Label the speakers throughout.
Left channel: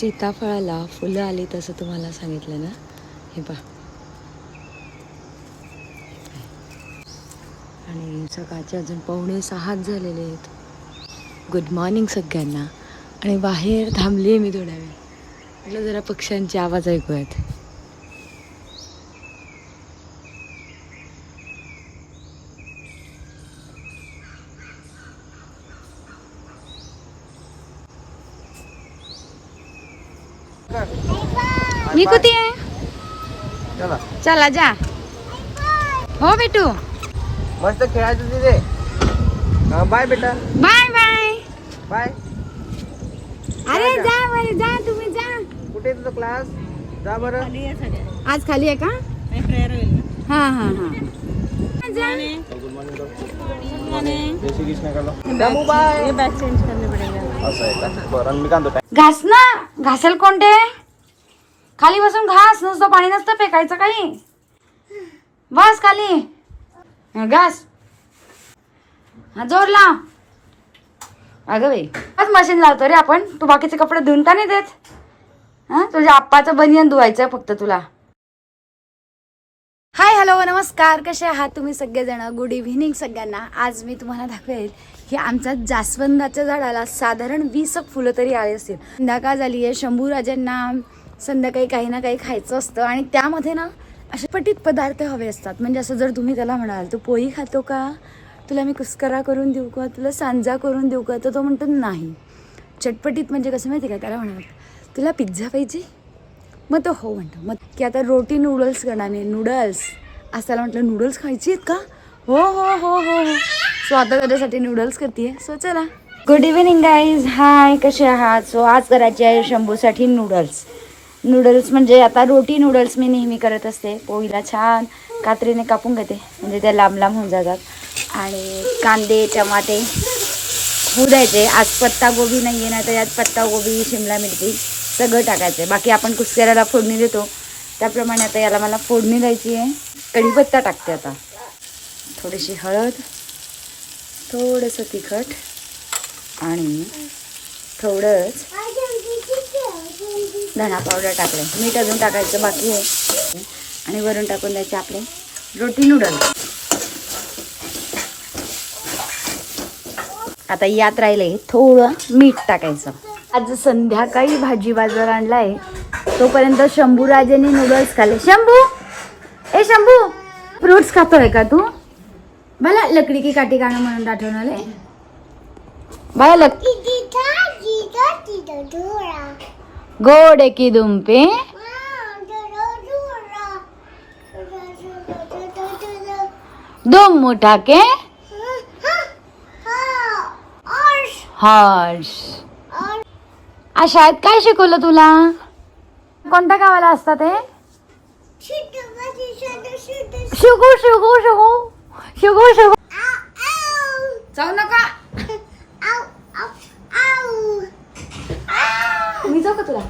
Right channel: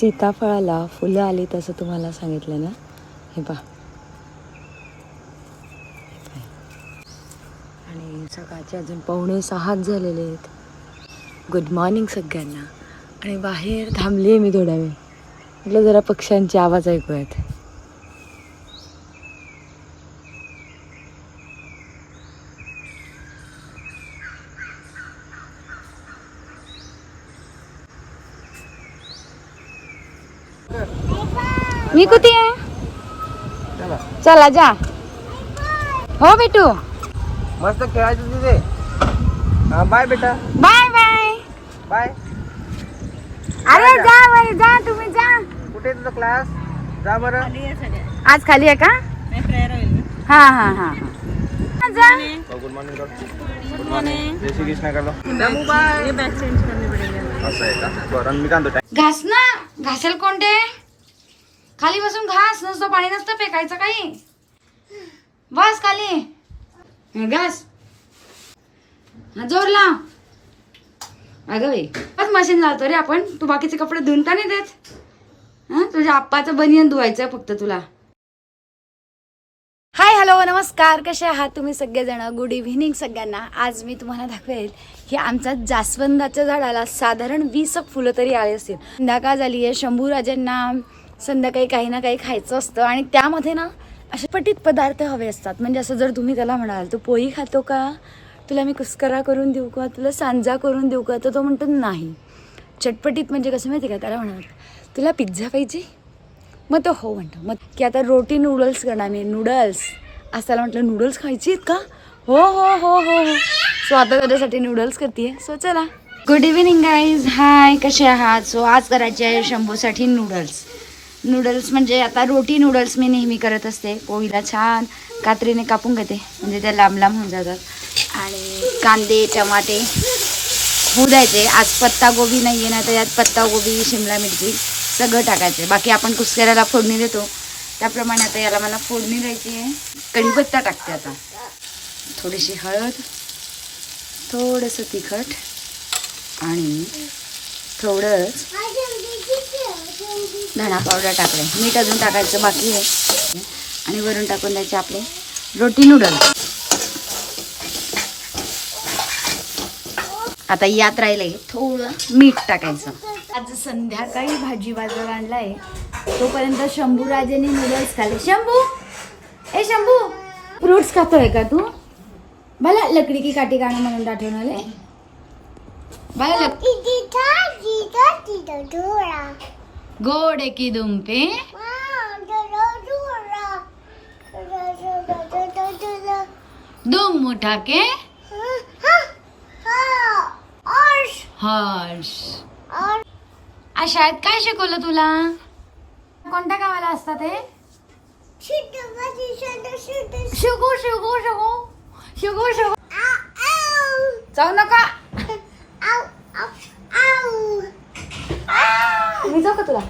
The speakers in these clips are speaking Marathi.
Speaker 1: सीताफळाला फुलं आली तसं तुम्हाला सांगितलं ना? हे पहा. आणि सकाळचे अजून पावणे सहाच झालेले आहेत. गुड मॉर्निंग सगळ्यांना. आणि बाहेर थांबली आहे मी थोड्या वेळ. म्हटलं जरा पक्ष्यांचे आवाज ऐकूयात. मी कुठे आहे?
Speaker 2: चला.
Speaker 1: चला जा. हो बेटू.
Speaker 2: मस्त खेळायचं तिथे. बाय बेटा.
Speaker 1: Bye bye.
Speaker 2: बाय.
Speaker 1: अरे जा बाई जा तुम्ही जा.
Speaker 2: कुठे तुझा क्लास जा बरं.
Speaker 1: आज खाली आहे का? हा हा हा हा. जा.
Speaker 2: गुड मॉर्निंग जय श्री कृष्ण का मी कांदो
Speaker 1: घास ना. घासेल कोणते? खाली बसून घास नसतो पाणी नसतं फेकायचं काही. बस खाली. घास. हा जोर लाव. अगं बाई आज मशीन लावतो रे आपण. तू बाकीचे कपडे धुवून का नाही देत? हां तुझ्या आप्पाचं बनियन धुवायचं फक्त तुला. हाय हॅलो नमस्कार. कसे आहात तुम्ही सगळेजण? गुड इव्हिनिंग सगळ्यांना. आज मी तुम्हाला दाखवेल की आमच्या जास्वंदाच्या झाडाला साधारण वीस फुलं तरी आले असतील. संध्याकाळ झाली आहे शंभूराजांना संध्याकाळी काही ना काही खायचं असतं. आणि त्यामध्ये ना असे पटीत पदार्थ हवे असतात. म्हणजे असं जर तुम्ही त्याला म्हणाल तू पोळी खातो का? तुला मी कुस्करा करून देऊ का? तुला सांजा करून देऊ का? तर तो म्हणतो नाही. चटपटीत म्हणजे कसं माहिती का? त्याला म्हणाल तुला पिझ्झा पाहिजे? मग तो हो म्हणतो. मग की आता रोटी नूडल्स करणार मी. नूडल्स. असं त्याला म्हटलं नूडल्स खायची आहेत का? हो हो हो हो हो. सो आता त्याच्यासाठी नूडल्स करते सो चला. गुड इव्हिनिंग गाईज हाय कसे आहात? सो आज करायचे आहे शंभूसाठी नूडल्स. नूडल्स म्हणजे आता रोटी नूडल्स मी नेहमी करत असते. पोळीला छान कात्रीने कापून घेते. म्हणजे त्या लांब लांब होऊन जातात. आणि कांदे टमाटे होऊ द्यायचे. आज पत्ता गोबी नाही आहे ना तर यात पत्ता गोबी शिमला मिरची सगळं टाकायचं. आहे बाकी आपण कुस्कऱ्याला फोडणी देतो. त्याप्रमाणे आता याला मला फोडणी द्यायची आहे. कढीपत्ता टाकते आता. थोडीशी हळद थोडंसं तिखट आणि थोडंच धणा पावडर टाकले मीठ अजून टाकायचं बाकी आहे. आणि वरून टाकून द्यायचे आपले रोटी नूडल्स आता यात राहिले थोडं मीठ टाकायचं. आज संध्याकाळी भाजी बाजार आणलाय. तोपर्यंत शंभूराजेने नूडल्स खाल्ले. शंभू! ए शंभू! फ्रुट्स खातोय का तू? मला लकडी की काठी गाणं म्हणून आठवण आलंय बाळा लक गोडे की दुंपे दुम मुठाके हर्ष आज शाळेत काय शिकवलं तुला कोणत्या गावाला असतात हे शिकू शिकू शिकू शिकू शिकू जाऊ नका मी जाऊ का तुला.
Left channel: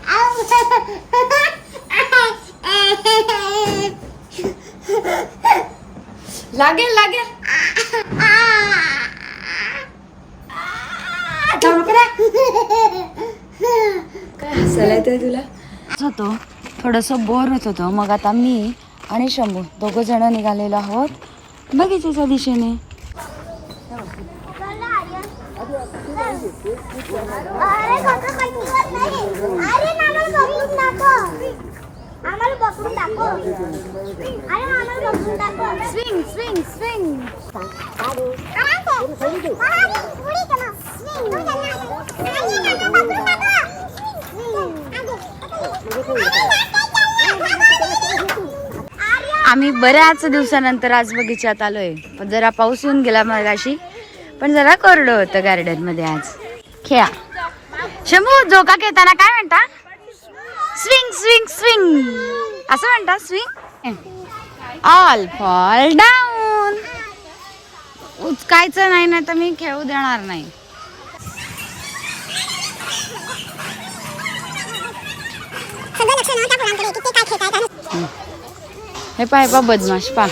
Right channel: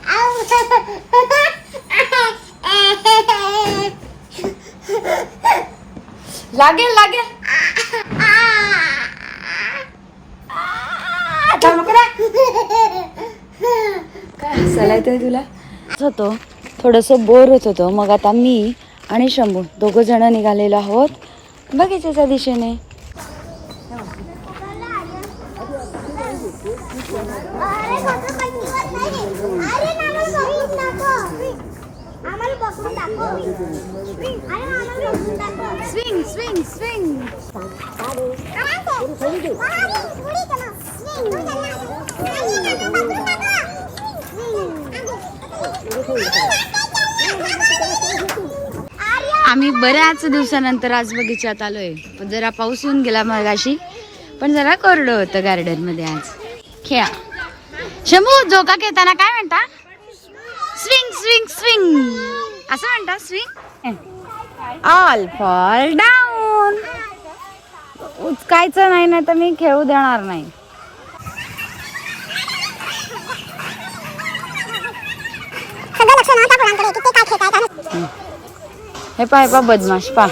Speaker 1: लागेल लागेल. काय तुला? होतो. थोडंसं बोर होत होतं. मग आता मी आणि शंभू दोघं जण निघालेलो आहोत. बगीच्याच्या दिशेने. स्विंग स्विंग स्विंग आम्ही बऱ्याच दिवसानंतर आज बगीच्यात आलोय. पण जरा पाऊस येऊन गेला मगाशी. पण जरा कोरडं होतं गार्डनमध्ये आज. खेळा. शंभू जोका खेळताना काय म्हणता? स्विंग स्विंग स्विंग असं म्हणता स्विंग ऑल फॉल डाऊन उचकायचं नाही ना तर मी खेळू देणार नाही. हे. पाय पा बदमाश पा.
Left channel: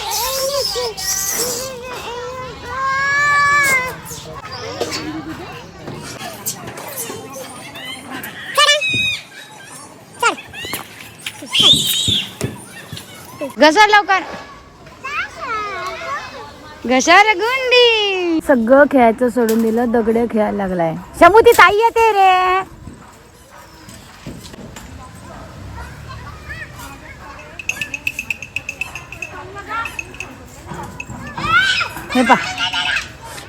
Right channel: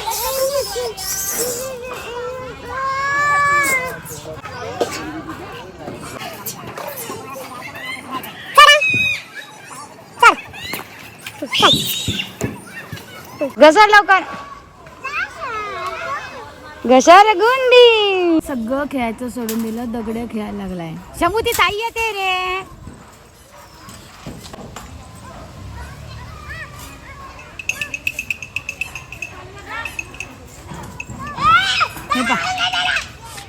Speaker 1: घसर लवकर. घसर गुंडी. सगळं खेळायचं सोडून दिलं दगड खेळायला लागलाय. शंभू ती ताई येते रे. हे पा.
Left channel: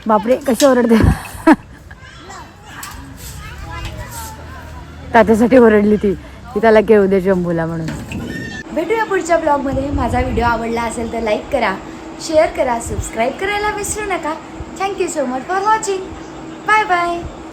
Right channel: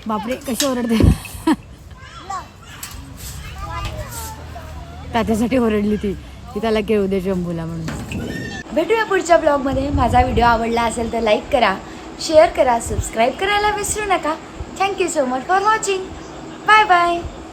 Speaker 1: बापरे कशी ओरडते. तात्यासाठी ओरडली ती. की त्याला घेऊ दे जंबूला म्हणून. भेटूया पुढच्या ब्लॉगमध्ये. माझा व्हिडिओ आवडला असेल तर लाईक करा शेअर करा सबस्क्राईब करायला विसरू नका. Thank you so much for watching bye bye